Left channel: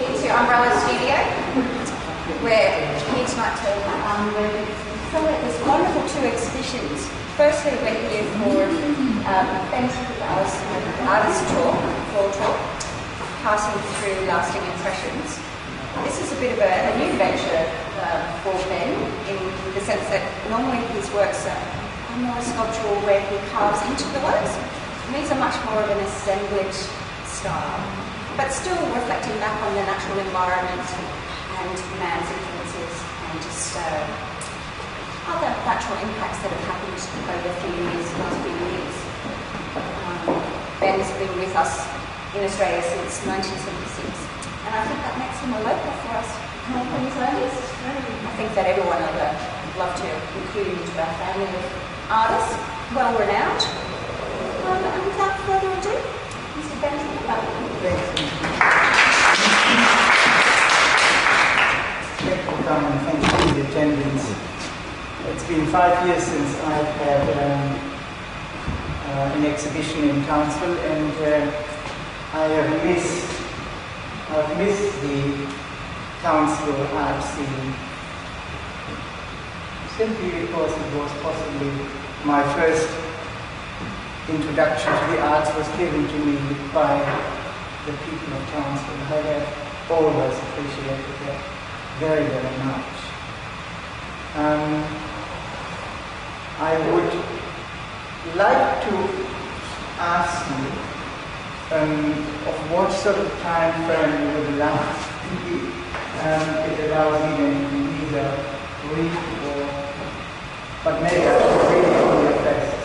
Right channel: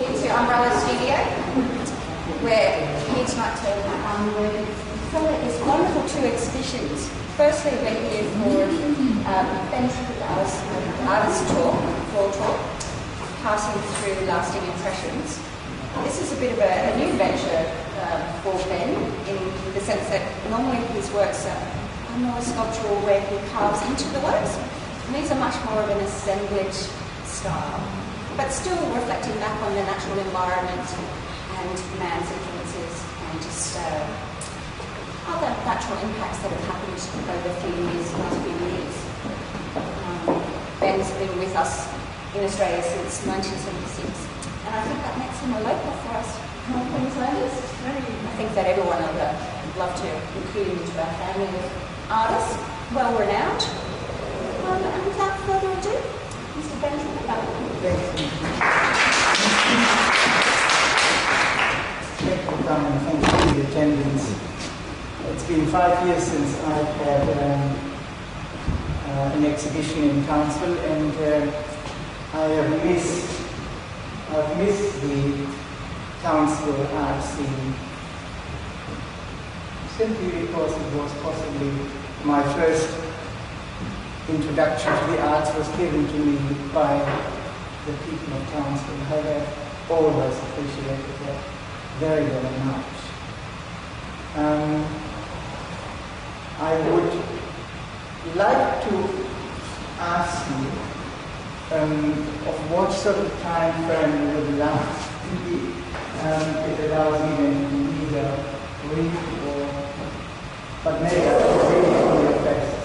here to Umbrella Studio. We're here tonight to celebrate this wonderful two exhibitions. Firstly, we're here for Ben Trupperbaumer's artist tour, floor tour, passing through lasting impressions. This is a bit of a new venture for Ben, in the sense that normally his works are more sculptural, where he carves into the works. And these are much more of an assemblage style, but still reflecting back on the natural environment and man's influences and just other natural impacts that have happened over the last few years. Ben's been with us in Australia since 1976, and I think that makes him a local for us Queenslanders. I think that everyone would love to include him into our family of artists, well renowned. And without further ado, Mr. Ben Trupperbaumer. Thank you for coming, thank you for the attendance. It's been 5 years since I've had an exhibition in Townsville, and I've missed the Townsville art scene, simply because it was possibly my first introduction to the arts was given to me by the people of Townsville. I have always appreciated that very, very much. I would like to ask you of what sort of time frame you would last. It allows me to either read or, but maybe I should read it on your faces.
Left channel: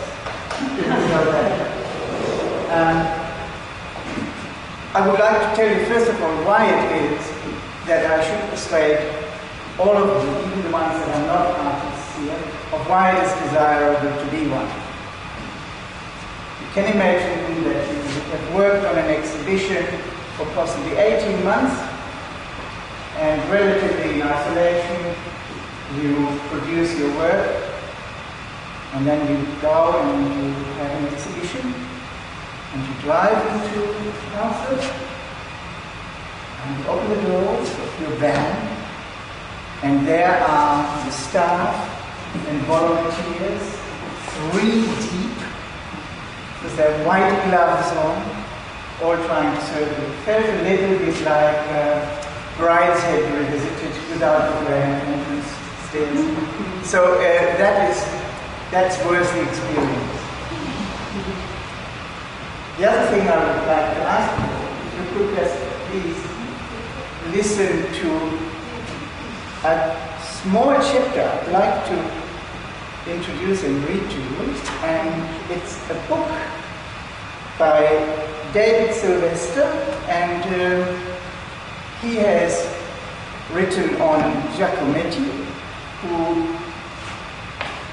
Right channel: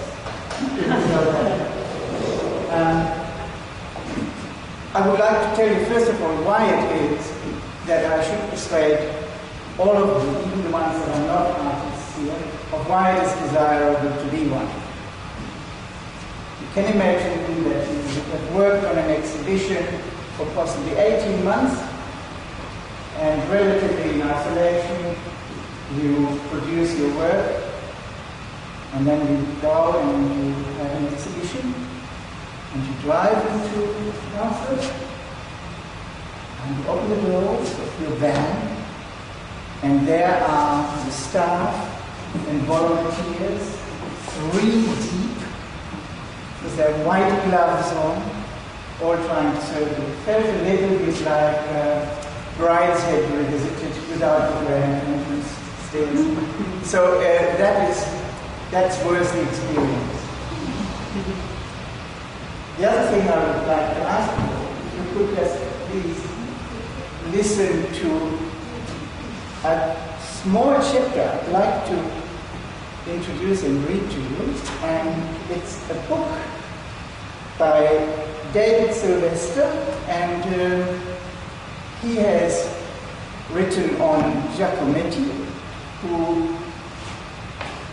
I would like to tell you first of all why it is that I should persuade all of you, even the ones that are not artists here, of why it is desirable to be one. You can imagine that you have worked on an exhibition for possibly 18 months, and relatively in isolation, you produce your work, and then you go and you have an exhibition, and you drive into Townsville, and you open the doors of your van, and there are the staff and volunteers, 3 deep, with their white gloves on, all trying to serve you. It felt a little bit like Brideshead Revisited without the grand entrance stairs. So that's worth the experience. The other thing I would like to ask you, if you could just please listen to a small chapter I'd like to introduce and read to you, and it's a book by David Sylvester, and he has written on Giacometti, who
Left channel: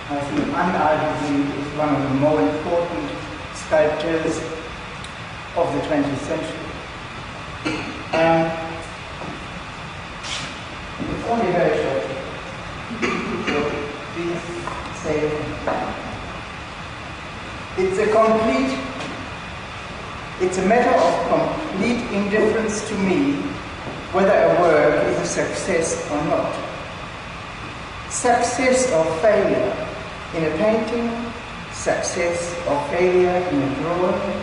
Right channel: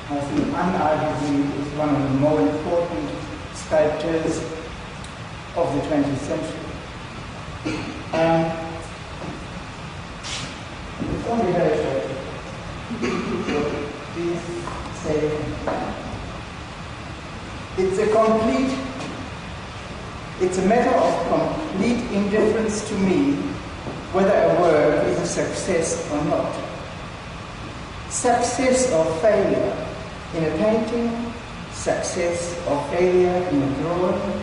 I think unarguably is one of the more important sculptors of the 20th century. It's only very short. So please say it's a matter of complete indifference to me whether a work is a success or not. Success or failure in a painting, success or failure in a drawing,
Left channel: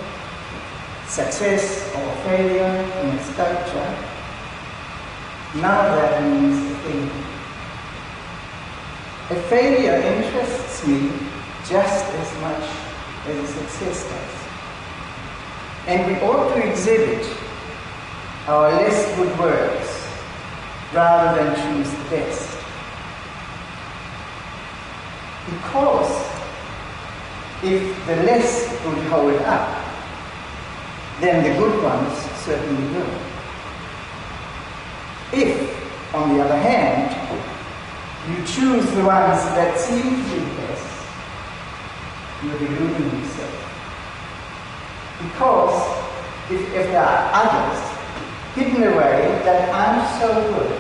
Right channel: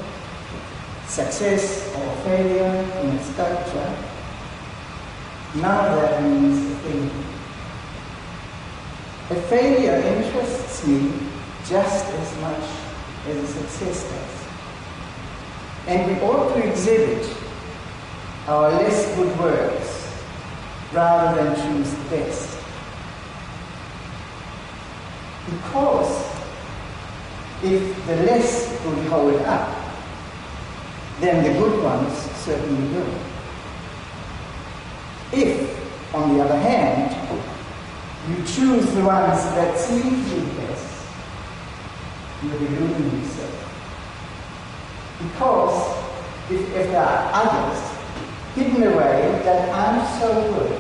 success or failure in a sculpture, none of that means a thing. A failure interests me just as much as a success does. And we ought to exhibit our less good works rather than choose the best. Because if the less good hold up, then the good ones certainly will. If, on the other hand, you choose the ones that seem to be best, you're deluding yourself. Because if there are others hidden away that aren't so good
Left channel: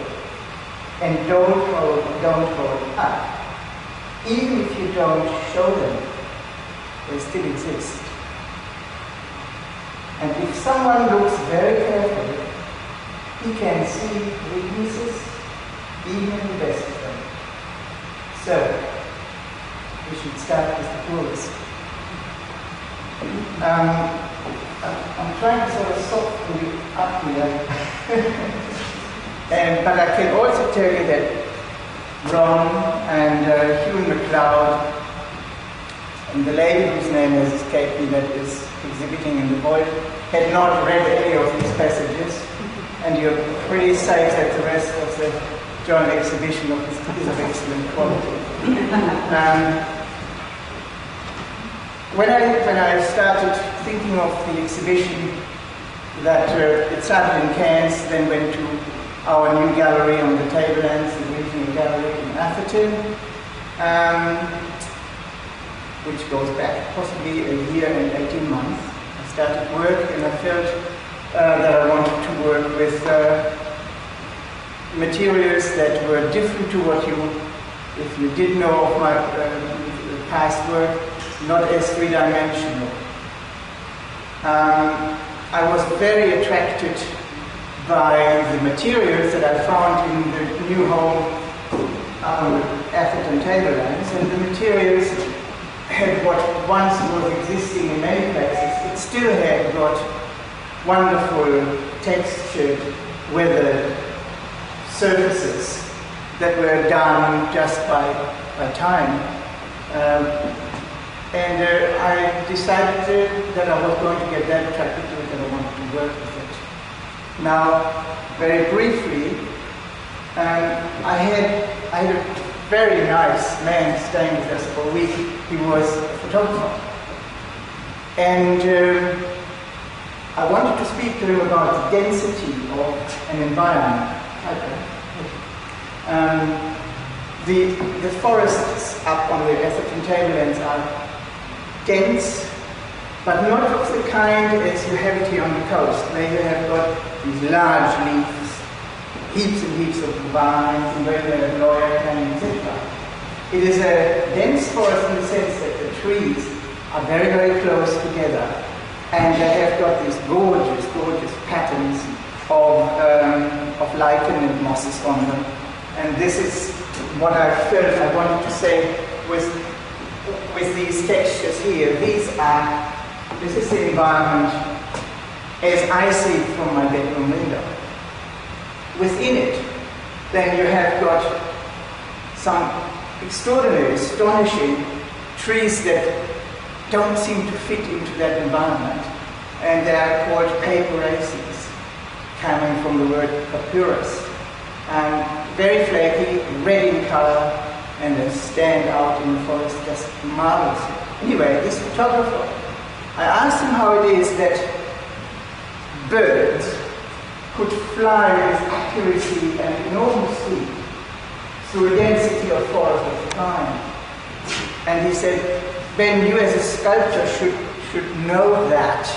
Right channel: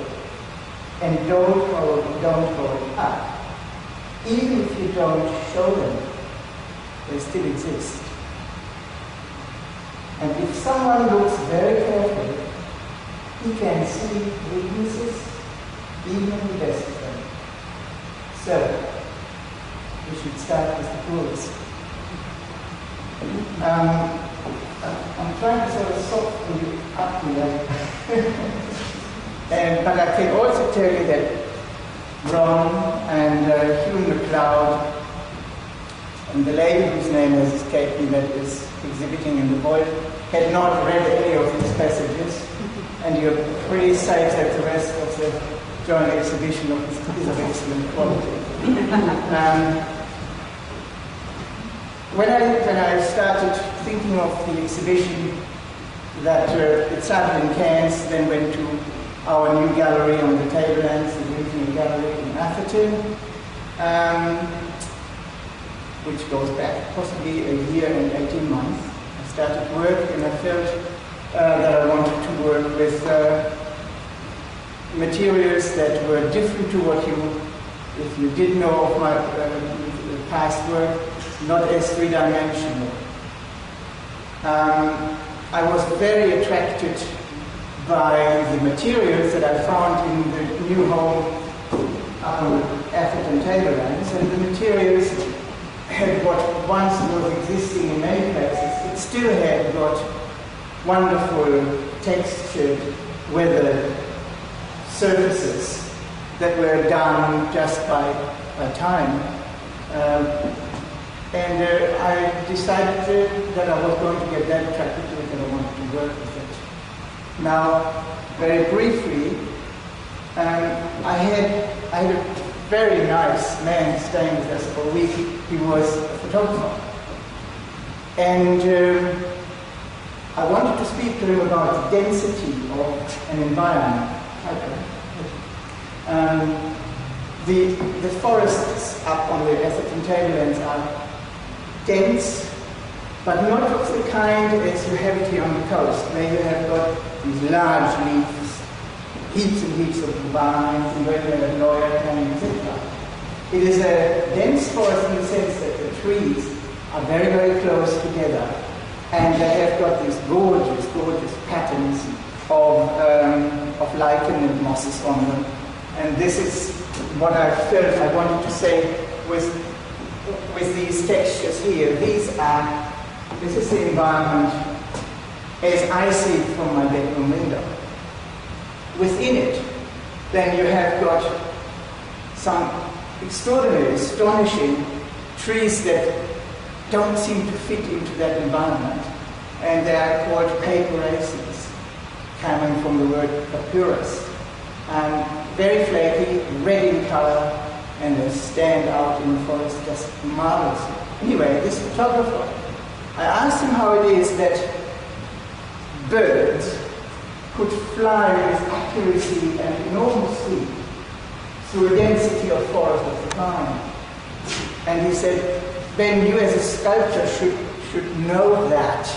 and don't hold up, even if you don't show them, they still exist. And if someone looks very carefully, He can see weaknesses, even in the best of them. So, we should start with the poorest. I'm trying to sort of soften you up here. But I can also tell you that Ron and Hugh McLeod and the lady whose name has escaped me that is exhibiting in the void had not read any of these passages, and you're pretty safe that the rest of the joint exhibition is of excellent quality. When I started thinking of the exhibition, that it started in Cairns, then went to our new gallery on the Tablelands, the Regional Gallery in Atherton, which goes back possibly a year and 18 months. I started work and I felt that I wanted to work with materials that were different to what you, if you did know of my past work, not as three-dimensional. I was very attracted by the materials that I found in the new home up on the Atherton Tablelands, and the materials had what once was existing in many places. It still had got wonderful textured, weathered surfaces that were done just by time. And I decided that I was going to get that attracted to it and I wanted to work with it. Now, very briefly, I had a very nice man staying with us for a week. He was a photographer. And I wanted to speak to him about the density of an environment. The forests up on the Atherton Tablelands are dense, but not of the kind as you have it here on the coast, where you have got these large leaves, heaps and heaps of vines, and where you have lawyer cane, etc. It is a dense forest in the sense that the trees are very, very close together, and they have got these gorgeous, gorgeous patterns of lichen and mosses on them. And this is what I felt I wanted to say with these textures here. This is the environment as I see it from my bedroom window. Within it, then you have got some extraordinary, astonishing trees that don't seem to fit into that environment. And they are called papyraceae, coming from the word papyrus. Very flaky, red in color, and they stand out in the forest just marvelously. Anyway, this photographer, I asked him how it is that birds could fly with accuracy and enormous speed through a density of forest of the kind. And he said, Ben, you as a sculptor should know that.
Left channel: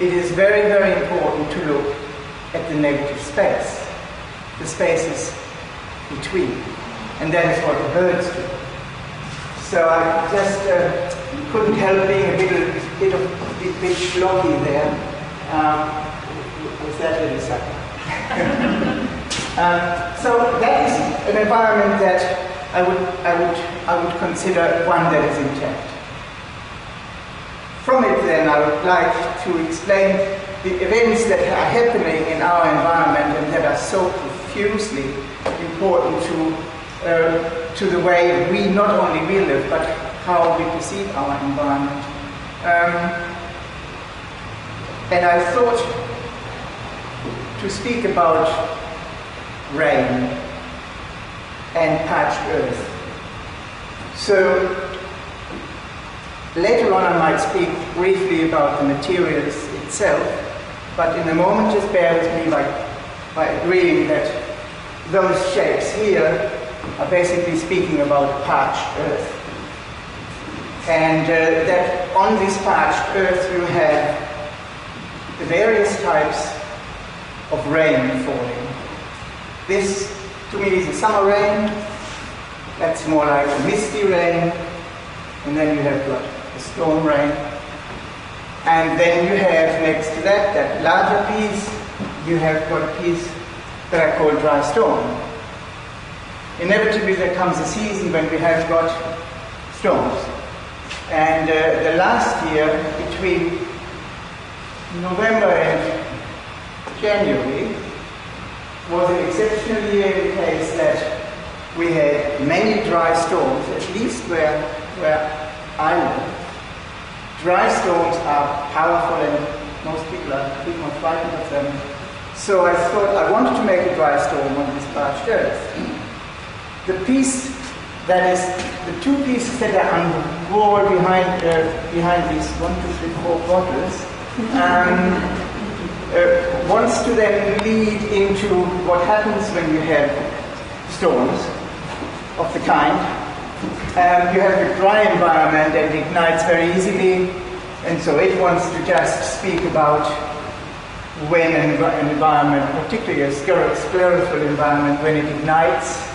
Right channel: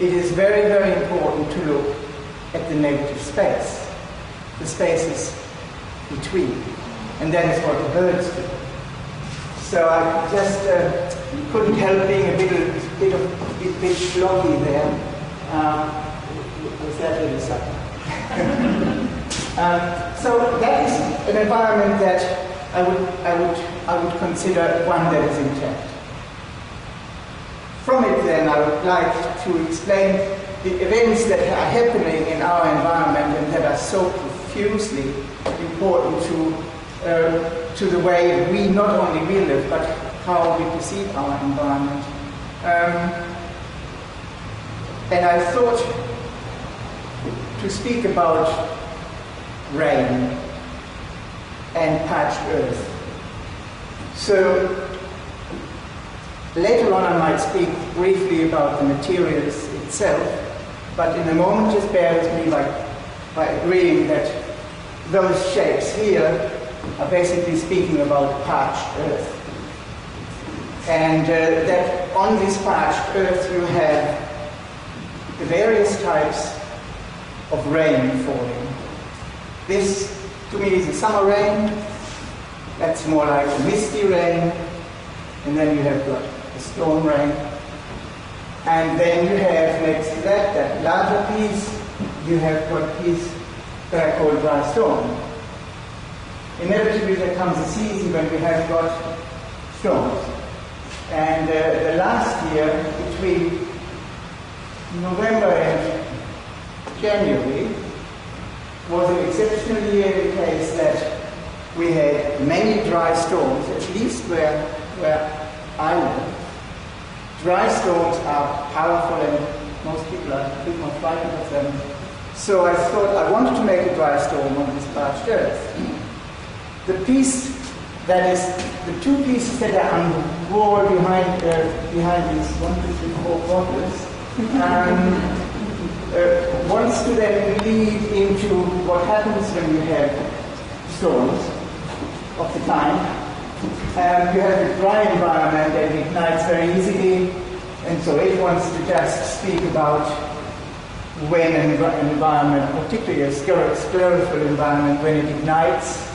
It is very, very important to look at the negative space, the spaces between. And that is what the birds do. So I just couldn't help being a bit schlocky there with that little sucker. So that is an environment that I would consider one that is intact. From it then I would like to explain the events that are happening in our environment and that are so profusely important to the way we not only we live, but how we perceive our environment. And I thought to speak about rain and parched earth. So later on I might speak briefly about the materials itself, but in a moment just bear with me by agreeing that those shapes here are basically speaking about parched earth. And that on this parched earth you have the various types of rain falling. This, to me, is a summer rain. That's more like a misty rain. And then you have got a storm rain. And then you have next to that larger piece, you have got a piece that I call dry storm. Inevitably there comes a season when we have got storms. And the last year, between November and January, was an exceptional year in the case that we had many dry storms, at least where I live. Dry storms are powerful and most people are a bit more frightened of them. So I thought I wanted to make a dry storm on this parched earth. The piece that is, the two pieces that are on the wall behind these 1, 2, 3, 4 bottles, wants to then lead into what happens when you have storms of the kind. You have a dry environment and it ignites very easily, and so it wants to just speak about when an environment, particularly a sclerophyll environment, when it ignites,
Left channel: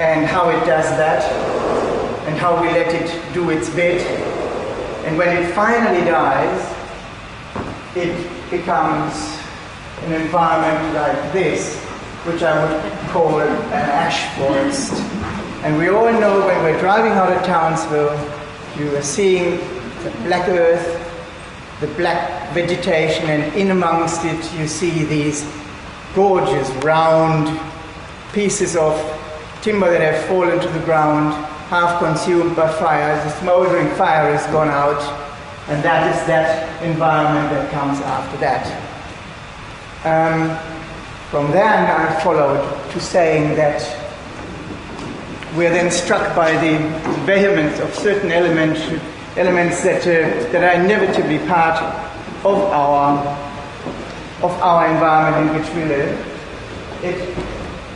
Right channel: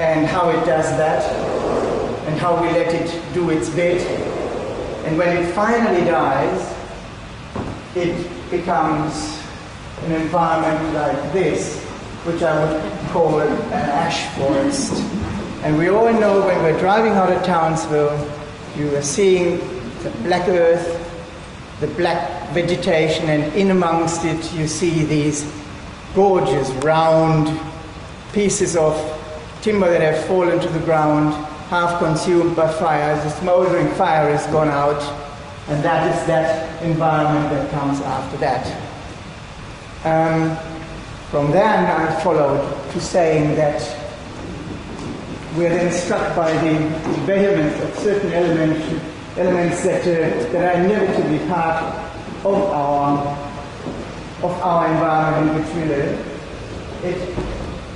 and how it does that, and how we let it do its bit. And when it finally dies, it becomes an environment like this, which I would call an ash forest. And we all know when we're driving out of Townsville, you are seeing the black earth, the black vegetation, and in amongst it you see these gorgeous round pieces of timber that have fallen to the ground, half consumed by fire. The smoldering fire has gone out, and that is that environment that comes after that. From then I followed to saying that we're then struck by the vehemence of certain elements that are inevitably part of our environment in which we live.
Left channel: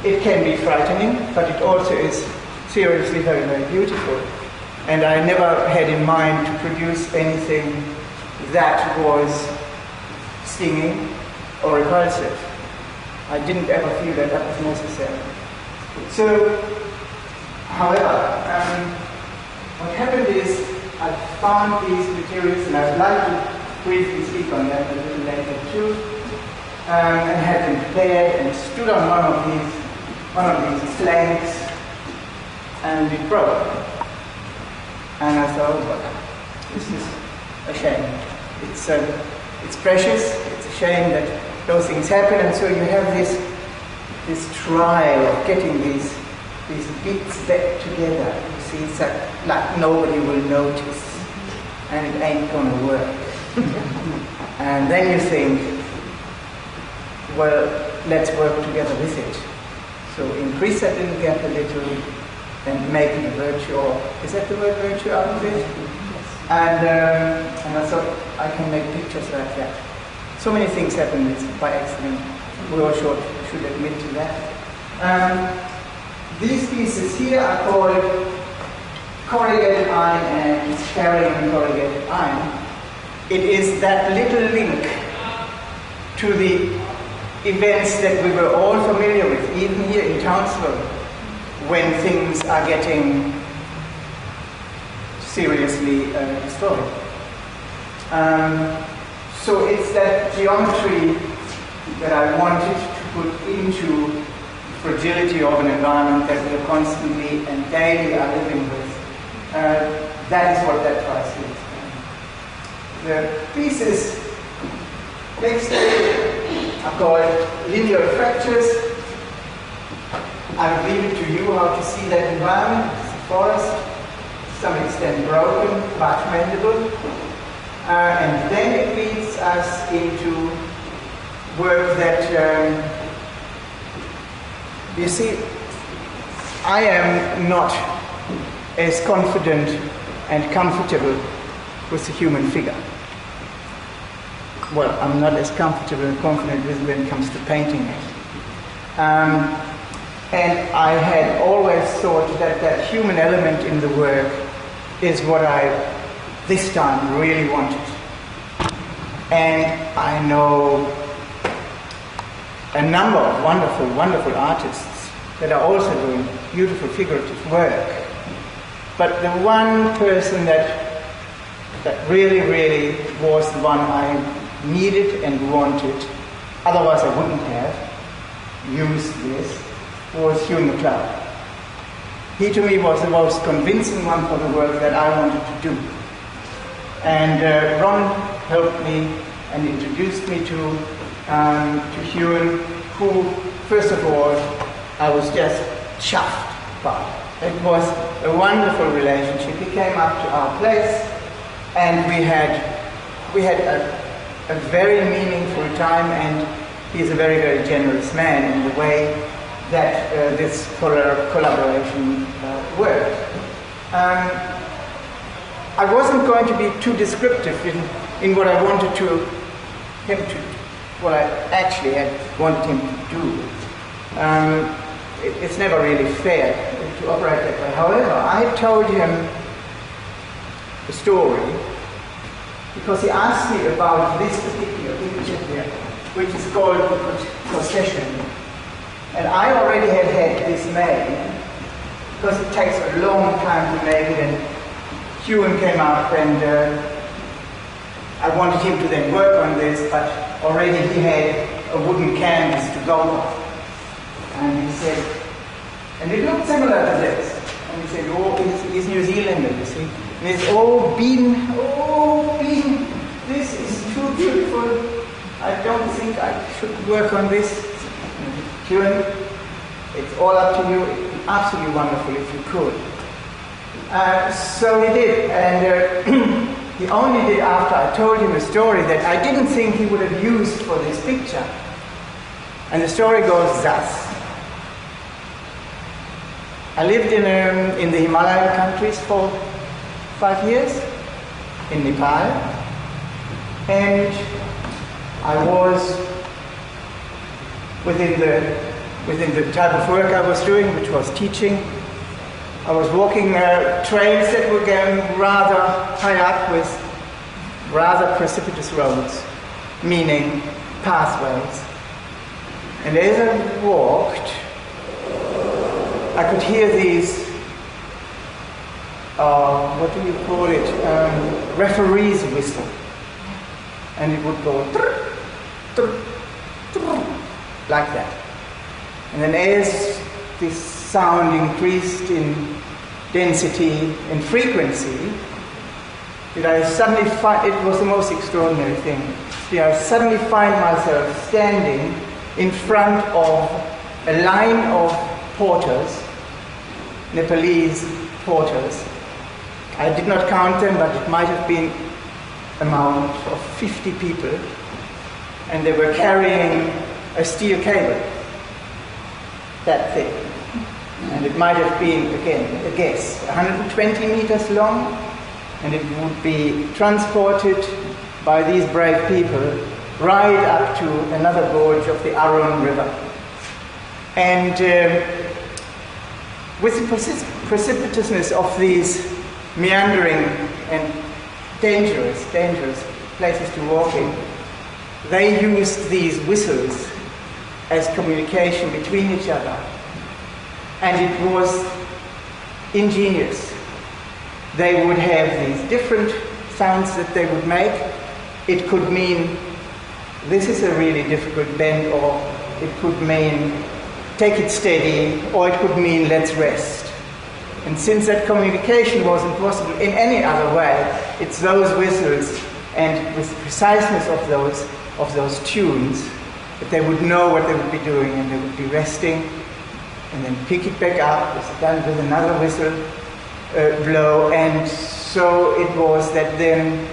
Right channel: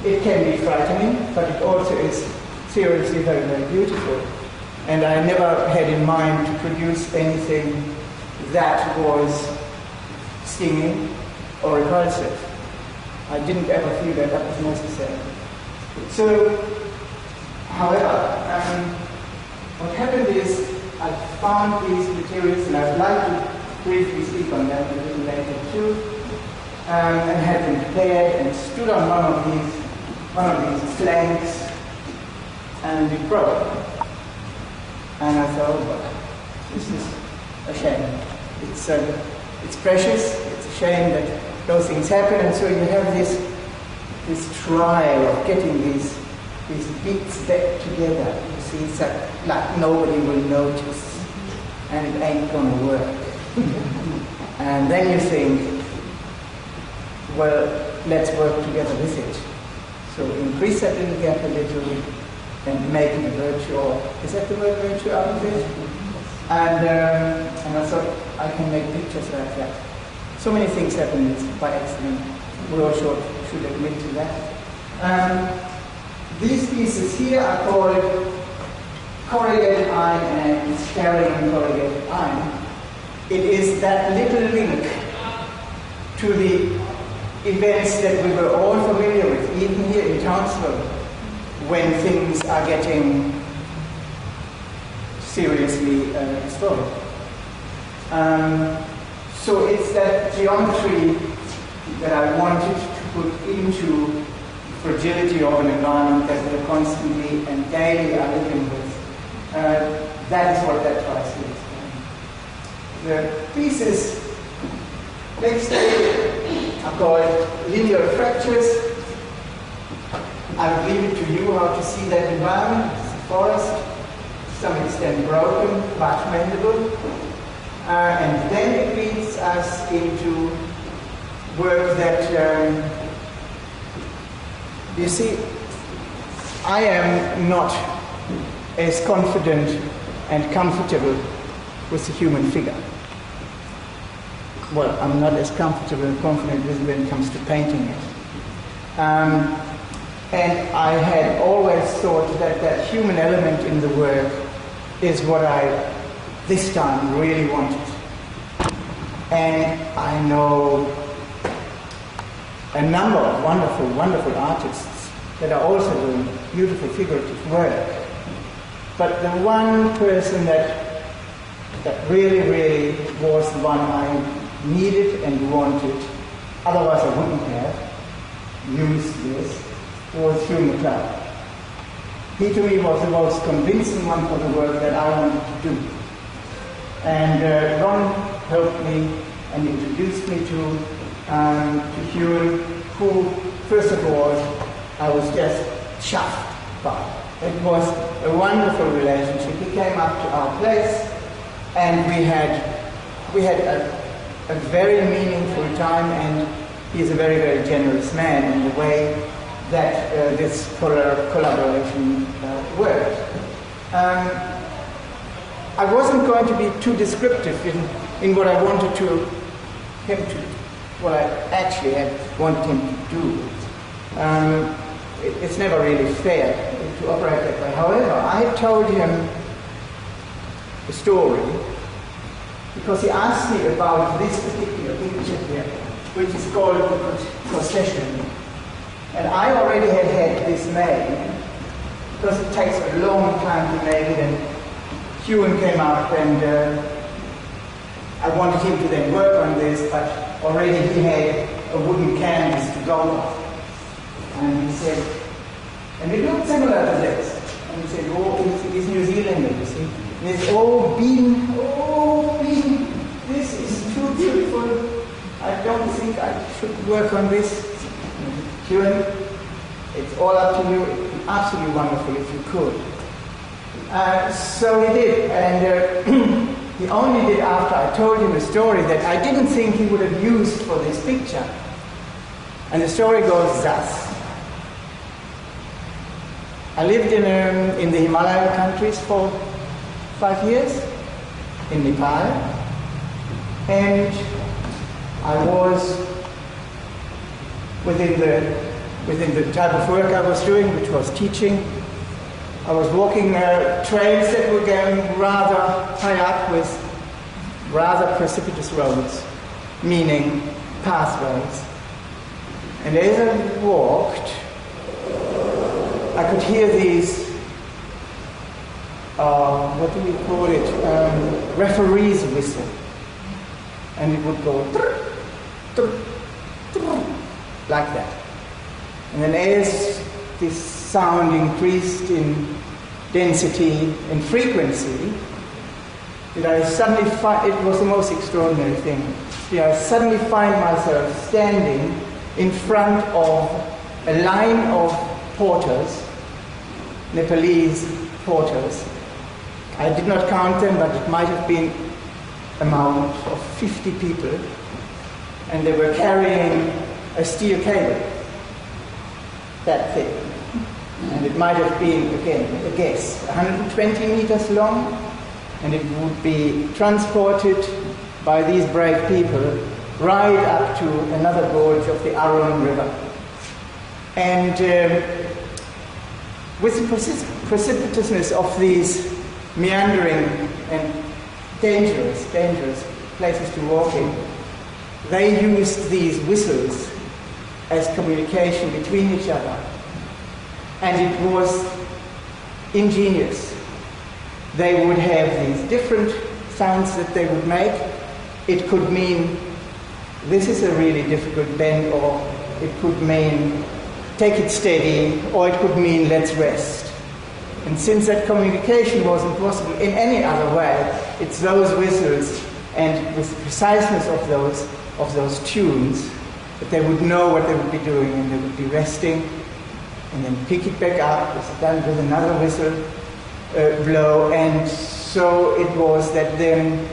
It can be frightening, but it also is seriously very, very beautiful. And I never had in mind to produce anything that was stinging or repulsive. I didn't ever feel that that was necessary. So, however, what happened is I found these materials, and I'd like to briefly speak on them a little later too, and had them prepared and stood on one of these planks, and it broke. And I thought, well, this is a shame. It's precious. It's a shame that those things happen, and so you have this trial of getting these bits back together. You see, it's like nobody will notice, and it ain't gonna work. And then you think, well, let's work together with it. So increase that little gap a little, and make it a virtue, or is that the word virtue out of it? And I thought I can make pictures like that. So many things happen by accident. We all should admit to that. These pieces here are called corrugated iron and scarring corrugated iron. It is that little link to the events that we were all familiar with, even here in Townsville, when things are getting seriously destroyed. So it's that geometry that I wanted to put into the fragility of an environment that we are constantly and daily are living with. That is what that tries to explain. The pieces next to it are called linear fractures. I will leave it to you how to see that environment. It's a forest, to some extent broken, but mendable. And then it leads us into work that, you see, I am not as confident and comfortable with the human figure. Well, I'm not as comfortable and confident with it when it comes to painting it. And I had always thought that that human element in the work is what I, this time, really wanted. And I know a number of wonderful, wonderful artists that are also doing beautiful figurative work. But the one person that really, really was the one I needed and wanted otherwise I wouldn't have used this, was Hugh MacLeod. He to me was the most convincing one for the work that I wanted to do. And Ron helped me and introduced me to Hugh, who, first of all, I was just chuffed by. It was a wonderful relationship. He came up to our place, and we had a very meaningful time, and he's a very, very generous man in the way that this collaboration worked. I wasn't going to be too descriptive in what I wanted what I actually had wanted him to do. It's never really fair to operate that way. However, I told him a story because he asked me about this particular picture here, which is called the Procession. And I already had this made because it takes a long time to make it, and Ewan came up and I wanted him to then work on this, but already he had a wooden canvas to go on. And he said, and it looked similar to this. And he said, oh, he's New Zealander, you see. And he said, oh, Bean, this is too beautiful. I don't think I should work on this. Ewan, it's all up to you. It would be absolutely wonderful if you could. So he did, and he only did after I told him a story that I didn't think he would have used for this picture. And the story goes thus. I lived in the Himalayan countries for 5 years, in Nepal, and I was within the type of work I was doing, which was teaching. I was walking trails that were going rather high up with rather precipitous roads, meaning pathways. And as I walked, I could hear these, what do you call it, referee's whistle. And it would go like that. And then as this sound increased in density and frequency, did I suddenly find, it was the most extraordinary thing, did I suddenly find myself standing in front of a line of porters, Nepalese porters. I did not count them, but it might have been amount of 50 people, and they were carrying a steel cable, that thick. And it might have been, again, a guess, 120 meters long, and it would be transported by these brave people right up to another gorge of the Arun River. And with the precipitousness of these meandering and dangerous places to walk in, they used these whistles as communication between each other. And it was ingenious. They would have these different sounds that they would make. It could mean, this is a really difficult bend, or it could mean, take it steady, or it could mean, let's rest. And since that communication wasn't possible in any other way, it's those whistles and with the preciseness of those tunes that they would know what they would be doing, and they would be resting and then pick it back up, done with another whistle blow. And so it was that then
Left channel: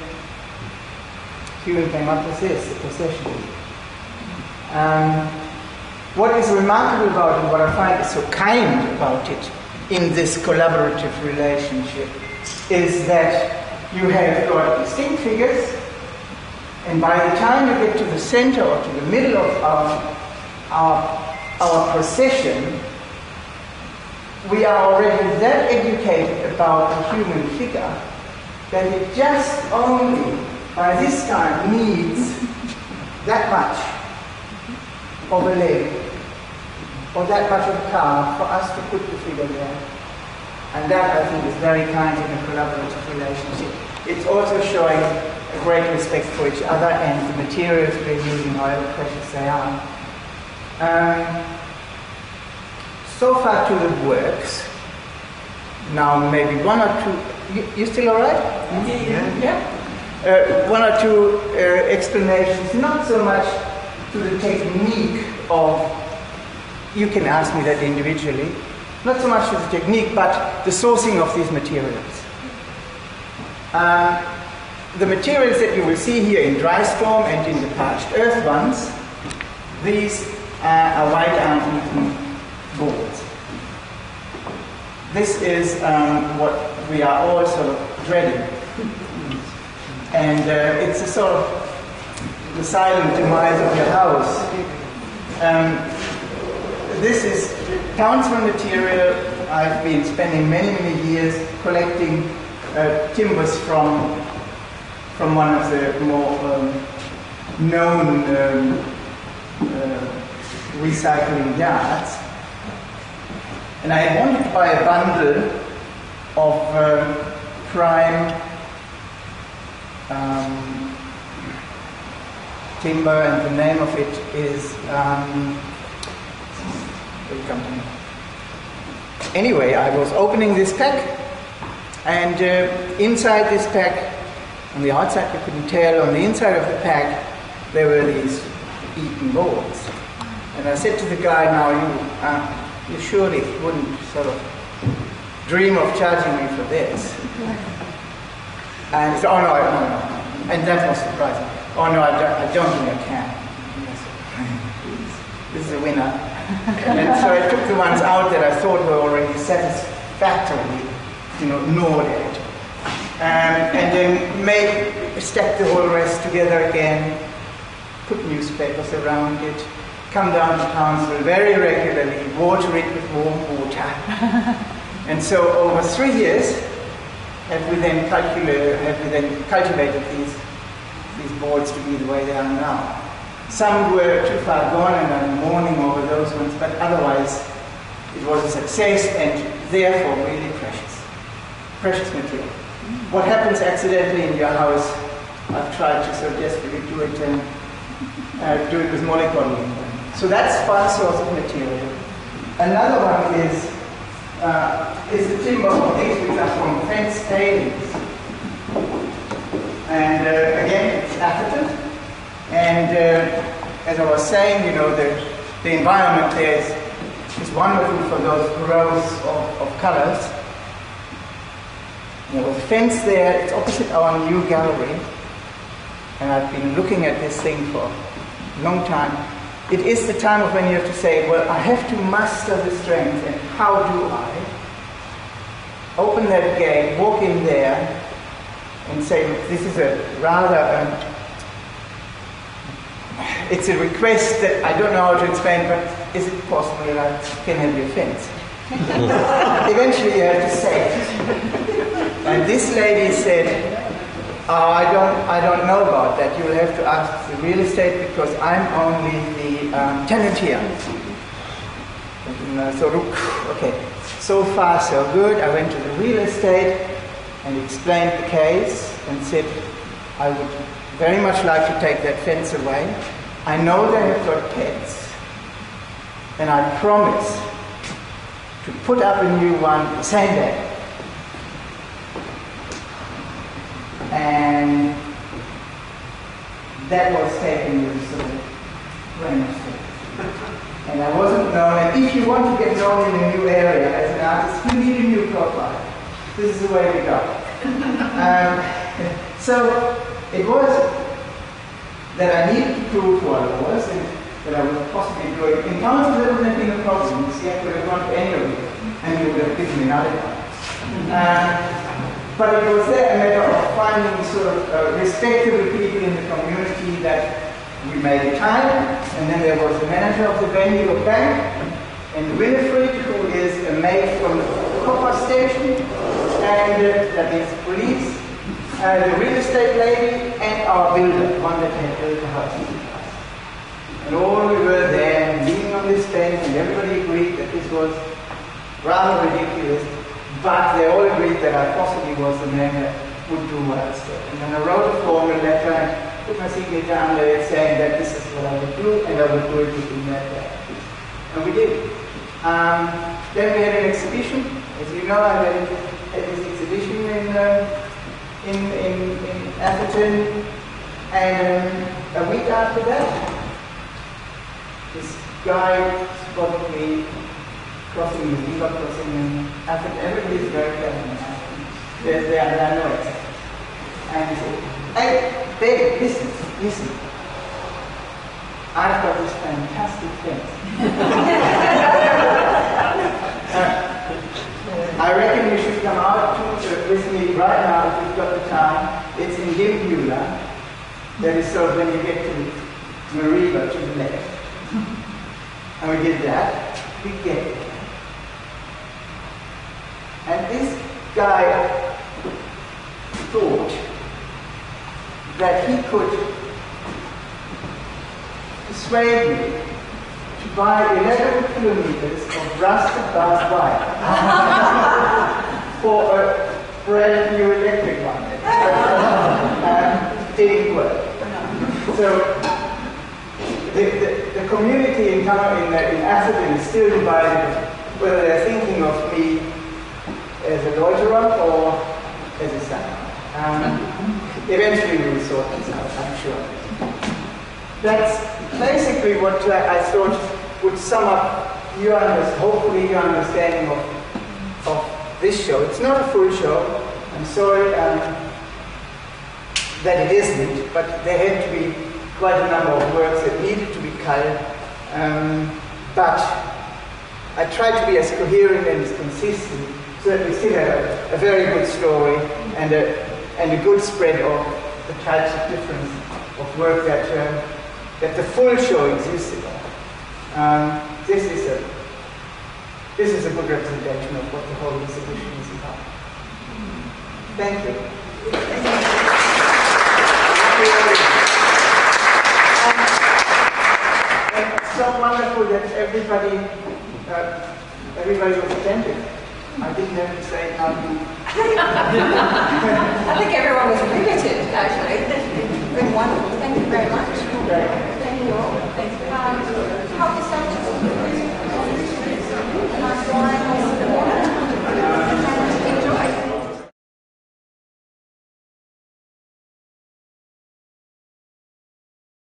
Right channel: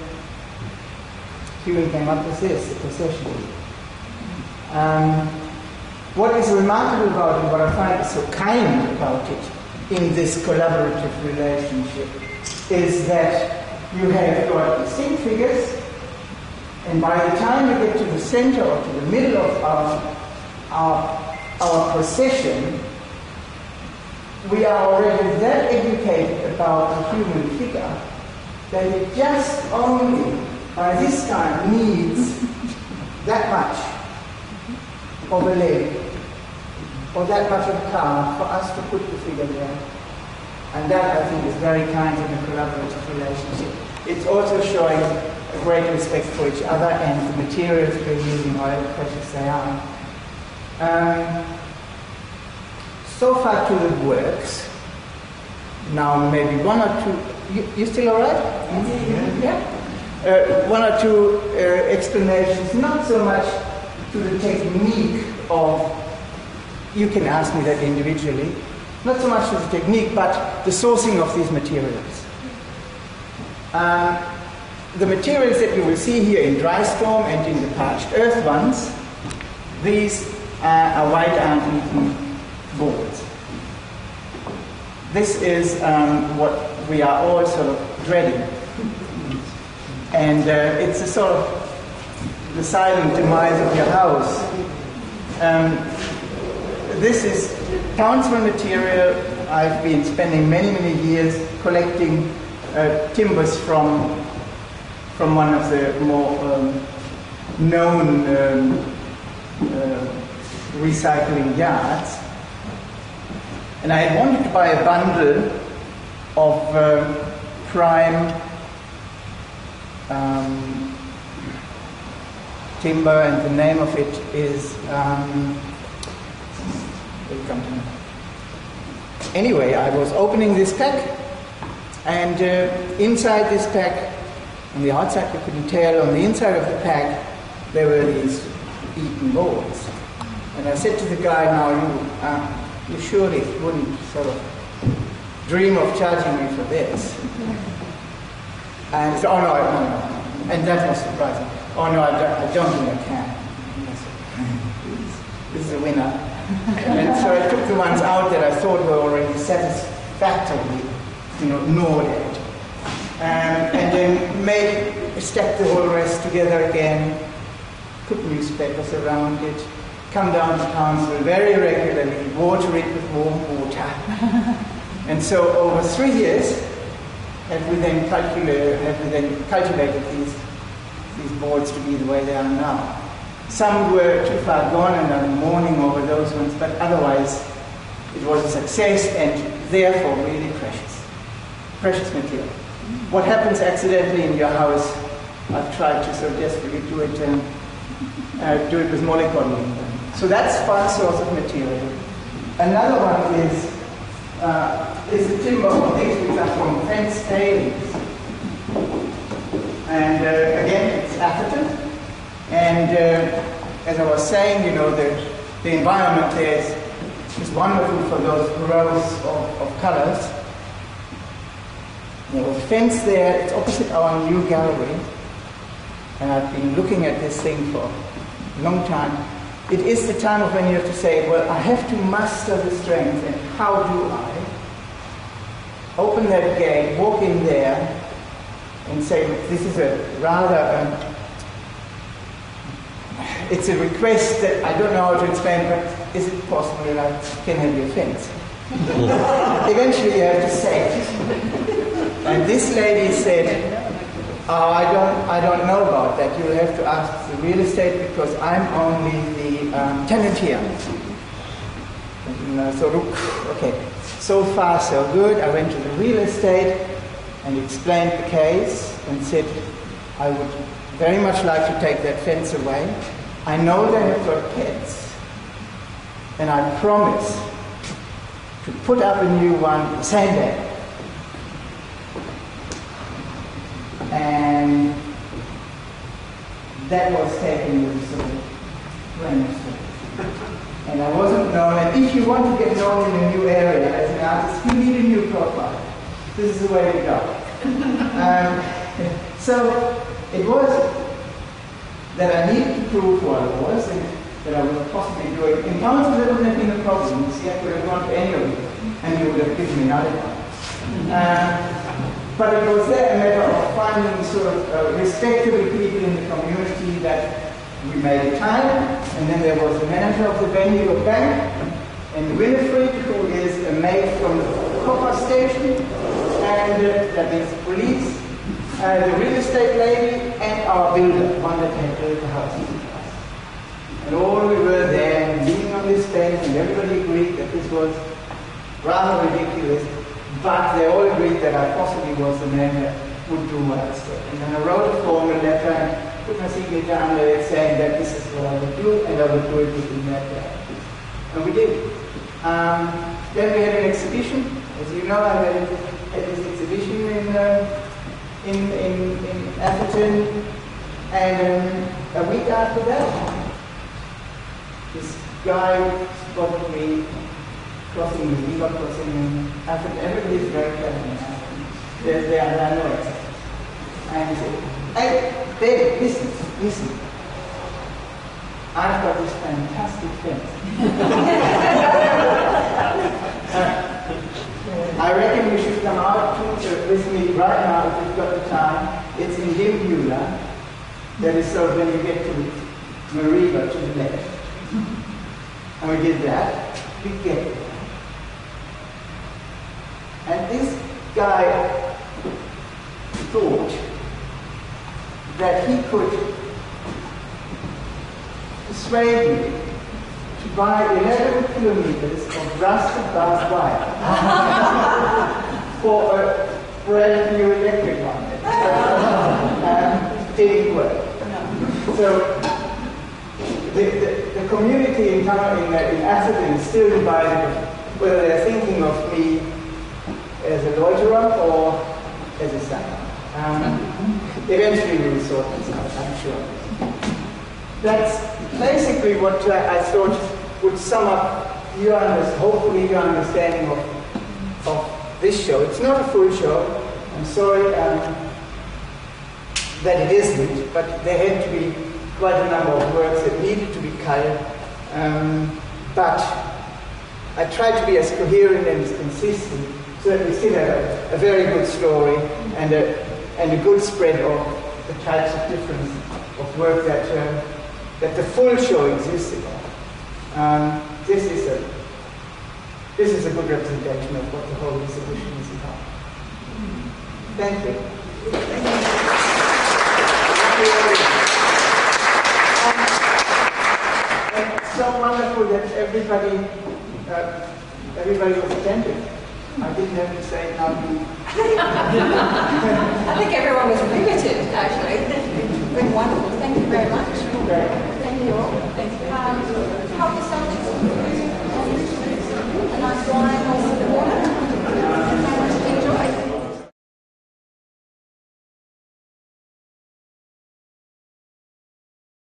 Ewan came up with this, the procession. What is remarkable about it, what I find so kind about it in this collaborative relationship, is that you have got distinct figures, and by the time you get to the center or to the middle of our procession, we are already that educated about the human figure that it just only by this time needs that much of a leg or that much of a car for us to put the figure there. And that, I think, is very kind in a collaborative relationship. It's also showing great respect for each other and the materials we're using, however precious they are. So far to the works. Now maybe one or two. You still all right? Yeah. One or two explanations, not so much to the technique of. You can ask me that individually. Not so much to the technique, but the sourcing of these materials. The materials that you will see here in dry storm and in the parched earth ones, these are white iron-beaten boards. This is what we are all sort of dreading. And it's a sort of the silent demise of your house. This is council material. I've been spending many, many years collecting timbers from one of the more known recycling yards. And I wanted to buy a bundle of prime timber, and the name of it is anyway, I was opening this pack, and inside this pack, on the outside you couldn't tell, on the inside of the pack there were these eaten boards. And I said to the guy, now you surely wouldn't sort of dream of charging me for this. And he said, oh no. And that was surprising. Oh no, I don't think I can. This is a winner. And so I took the ones out that I thought were already satisfactorily, gnawed at. And then stacked the whole rest together again, put newspapers around it, come down to council very regularly, water it with warm water. And so over 3 years have we then cultivated these boards to be the way they are now. Some were too far gone and I'm mourning over those ones, but otherwise it was a success and therefore really precious material. What happens accidentally in your house, I've tried to so desperately do it with mollycoddling. So that's one source of material. Another one is the timber of these which are from fence tailings. And again, it's Atherton. And as I was saying, the environment there is wonderful for those rows of colors. There was a fence there, it's opposite our new gallery. And I've been looking at this thing for a long time. It is the time of when you have to say, well, I have to muster the strength, and how do I? Open that gate, walk in there, and say, this is a rather, it's a request that I don't know how to explain, but is it possible that I can have your fence? Eventually you have to say it. And this lady said, oh, I don't know about that. You'll have to ask the real estate because I'm only the tenant here. And so, okay, so far so good. I went to the real estate and explained the case and said, I would very much like to take that fence away. I know they have got pets, and I promise to put up a new one the same day. And that was taken with sort of rain. And I wasn't known, and if you want to get known in a new area as an artist, you need a new profile. This is the way to go. So it was that I needed to prove who I was and that I was possibly doing. In council, there wouldn't have been a problem. See, I could have gone to any of you, and you would have given me another one. But it was there a matter of finding sort of respectable people in the community that we made time, and then there was the manager of the venue of bank, and Winifred, who is a maid from the copper station, and that means police, the real estate lady, and our builder, the one that had built the house. And all we were there, leaning on this bench, and everybody agreed that this was rather ridiculous. But they all agreed that I possibly was the man would do what I said. And then I wrote a formal letter and put my signature under it saying that this is what I would do, and I would do it within that day. And we did. Then we had an exhibition. As you know, I had this exhibition in Atherton, and a week after that, this guy spotted me crossing the river, crossing in Atherton. Everybody's very careful in Atherton. There are no exceptions. And he said, "Hey, David, listen. I've got this fantastic fence. I reckon you should come out with me right now if you've got the time. It's in Gimbula. That is sort of when you get to Mariba to the left." And we did that. We get it. And this guy thought that he could persuade me to buy 11 kilometers of rusted barbed wire for a brand new electric one. Didn't work. So the community in Atherton is still divided whether they're thinking of me as a loiterer or as a singer. Eventually we will sort this out, I'm sure. That's basically what I thought would sum up hopefully your understanding of this show. It's not a full show. I'm sorry that it isn't, but there had to be quite a number of works that needed to be cut. But I tried to be as coherent and as consistent so that we still have a very good story and a good spread of the types of difference of work that the full show existed of. This is a good representation of what the whole exhibition is about. Thank you. And it's so wonderful that everybody was attentive. I didn't have to say it now. I think everyone was riveted, actually. It's been wonderful. Thank you very much. Thank you all.